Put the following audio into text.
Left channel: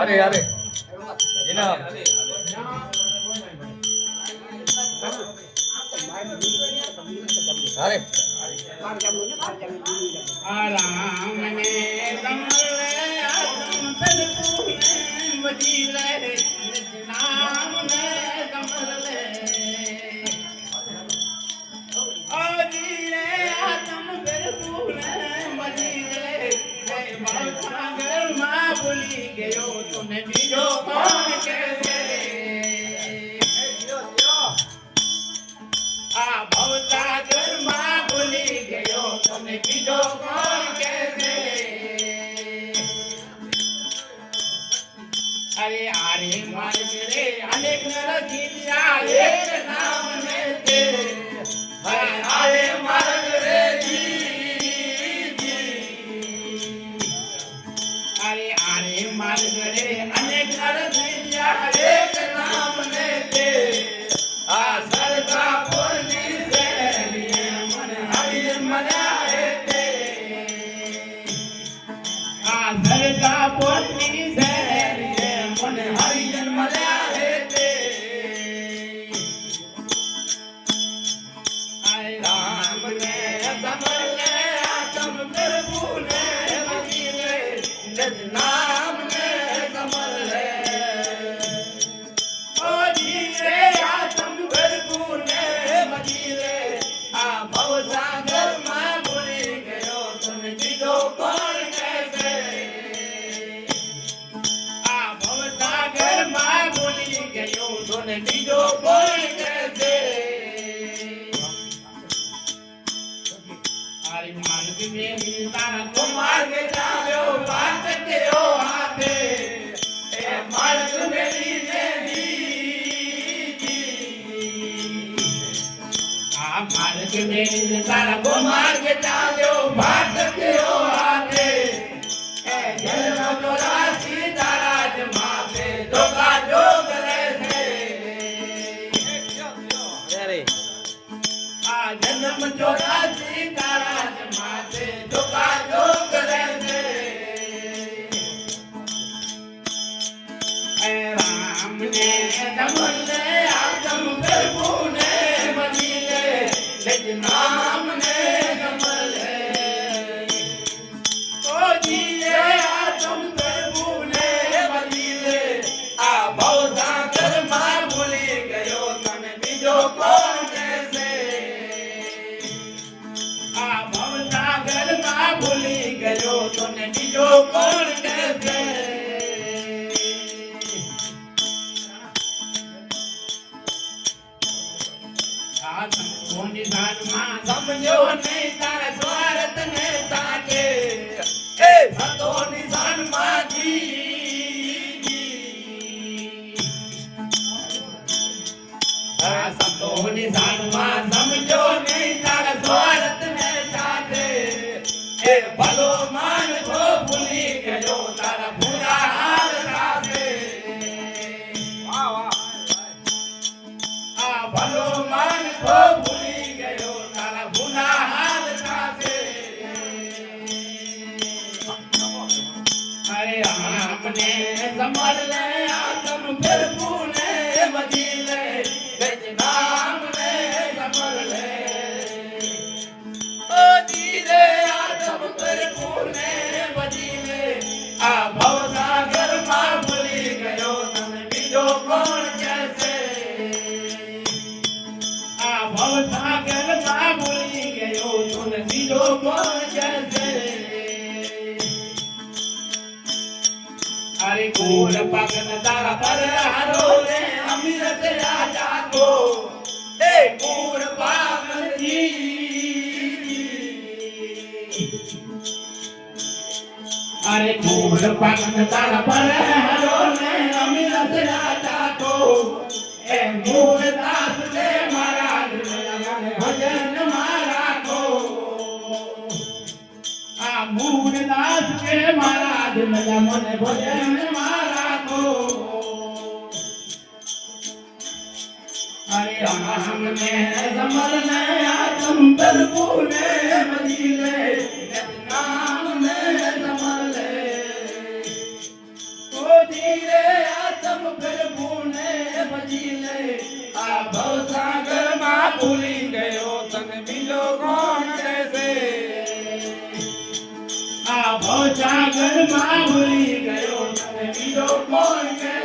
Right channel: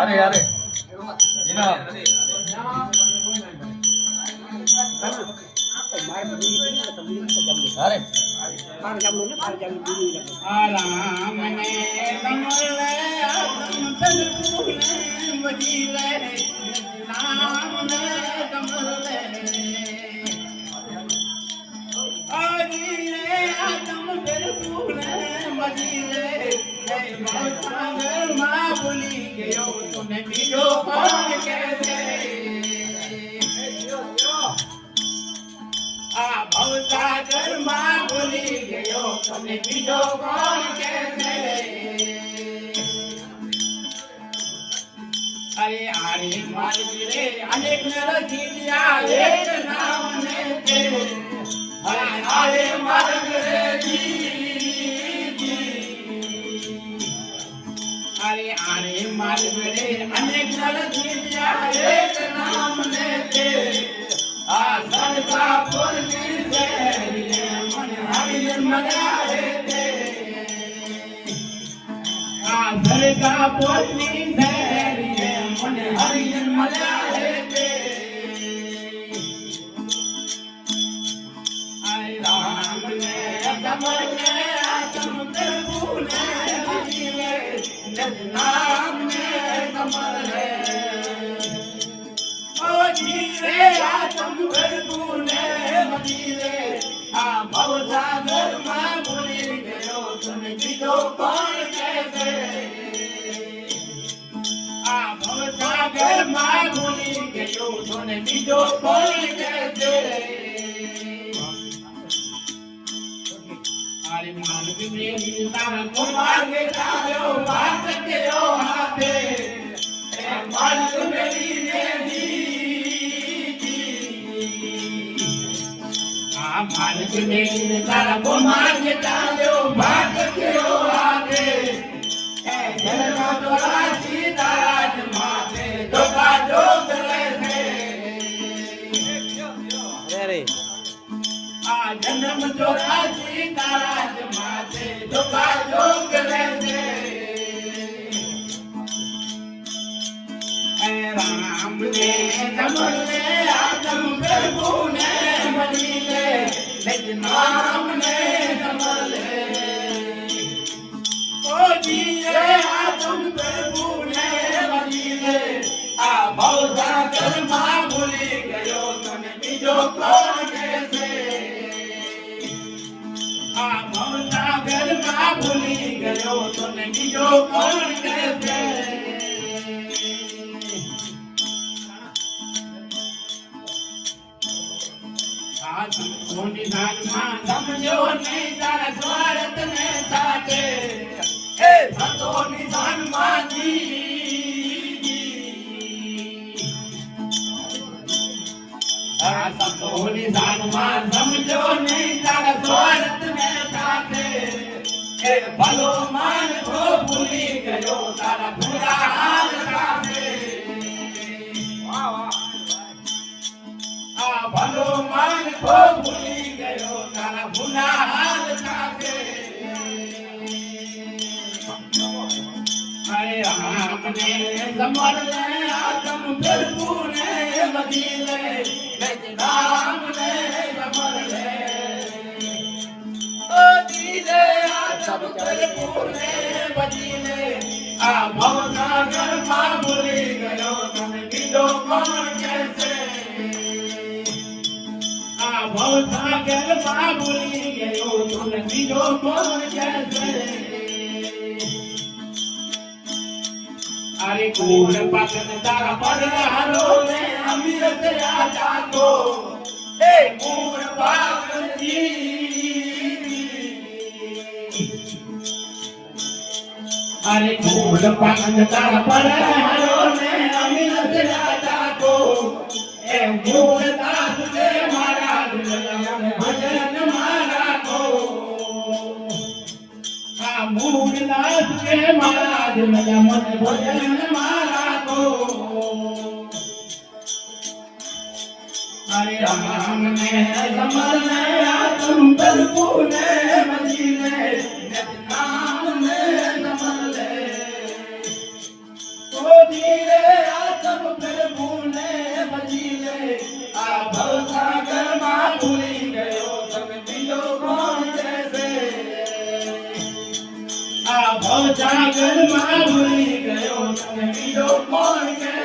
अरे अरे इना अरे आराम ने कमले आदम तलपुने वजीले नाम ने कमले आजीले आदम तलपुने वजीले बहुत सागर मां भूली गयो तूने बीजो पान कैसे आ भवसागर मां भूली गयो तूने बीजो पान कैसे अरे आरे मारे अनेक रसीलिया एक नाम ने ते आरे मारे जी अरे आरे मारे अनेक रसीलिया एक नाम ने ते आ सरका पुरनी से मन हरिजन मनाए ते आ सरका पुरनी से मन हरिजन मनाए ते आए राम ने कमल ने आतम प्रभु ने मिले निज नाम ने कमल है ओ जीरे आतम प्रभु ने मदीरे आ भवसागर मां भूली गयो तुम बीजो कौन कैसे आ भवसागर मां भूली गयो तुम बीजो कौन कैसे आरे मानव में तारा कुमार के जाओ बात के ओ हाथे ए मानव मेरी देवी आ मानव में तारा कुमार के जाओ बात के ओ हाथे ए जल चौरासी ताराज माथे धोखा जोग रहे अरे आ जन्म चौरासी ताराज माथे धोखा जोग रहे राम ने कमल ने आदम प्रभु ने मदीने निज नाम ने कमल है ओ जीए आदम प्रभु ने मदीने आ भवसागर मां भूली गयो तने बीजो कौन कैसे आ भवसागर मां भूली गयो तने बीजो कौन कैसे मोनी दान मां समझो नहीं तारा स्वार्थ में साथे ए भतो निधान मां जी आ भतो निधान मां समझो नहीं तारा स्वार्थ में साथे ए भलो मान को भूली गयो तारा बुरा हाल साथे वाह वाह आ भलो मान को भूली गयो तारा बुरा हाल साथे अरे आपने समझ ले आदम प्रभु ने मदीने निज नाम ने समझ ले ओ दीदे आदम प्रभु ने मदीने आ भवसागर मां भूली गयो तुम बीजो कौन कैसे आ भवसागर मां भूली गयो तुम बीजो कौन कैसे अरे कूड़ पगन तारा पर हारो ने अमीरत राजा को ए कूड़ पगन जी अरे कूड़ पगन तारा पर हारो ने अमीरत राजा को ए मूल दास ले महाराज मन भजन मारा को आ मूल दास के महाराज मन भजन मारा को अरे राम ने कमल ने आदम प्रभु ने मदीने निज नाम આ ભવસાગરમાં ભૂલી ગયો તને બીજો કોણ કહેશે આ ભવસાગરમાં ભૂલી ગયો તને બીજો કોણ કહેશે